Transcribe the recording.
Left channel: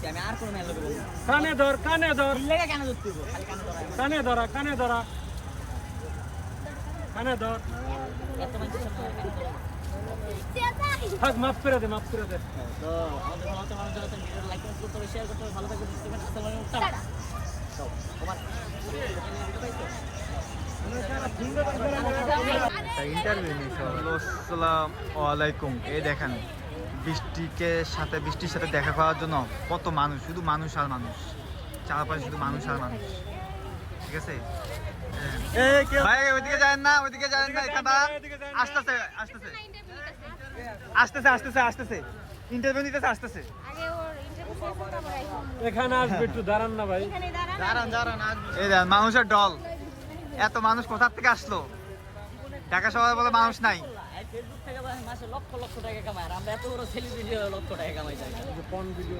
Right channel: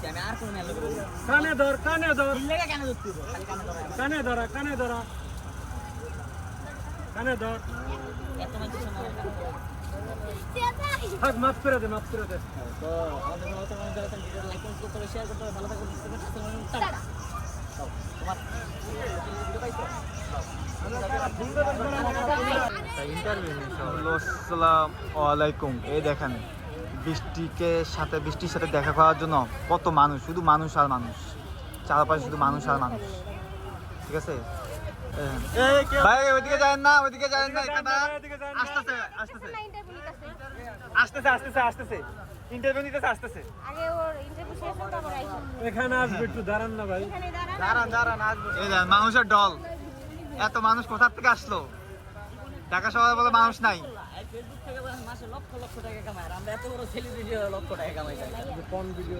কইছি আমি আর কোন মেয়ের লগে বলবো কানে ধর দিল্লাকে কেন ধরতে হইব খালি কানে ধরা কানে ধর এত মানুষের সামনে আমার কানে ধরা থাক মাফ করে দে তো আমাদের ভালো তো মানুষ যারা ভিডিও লাইক করতে হবে শেয়ার করতে হবে ভালো থাকবে বুঝতে পারছেন টাটা তো তোমার আসসালামু আলাইকুম। এই দেখেন বৃষ্টির সাথে দেখা করার জন্য কত মানুষ, শুধু মানুষ আর মানুষ, চারপাশে শুধু মানুষ আর মানুষ। ঠিক আছে ভাই, ওইদিকে যাবেন না এখানটা আসতেছে ইন্টারভিউ নিতেছে আসতেছে। এখানে আসবে, একটু দাঁড়ান না ভাই। এই দেখেন মানুষের দল, এত মানুষ কোথা থেকে আসলো? ঢাকা শহরে বলে মানুষ নাই। ফেসবুক থেকে মাসে লক্ষ লক্ষ টাকা কামায় আর আমরা এত বড় সেলিব্রিটি লক্ষ টাকা কামাই যাই পন ভিডিও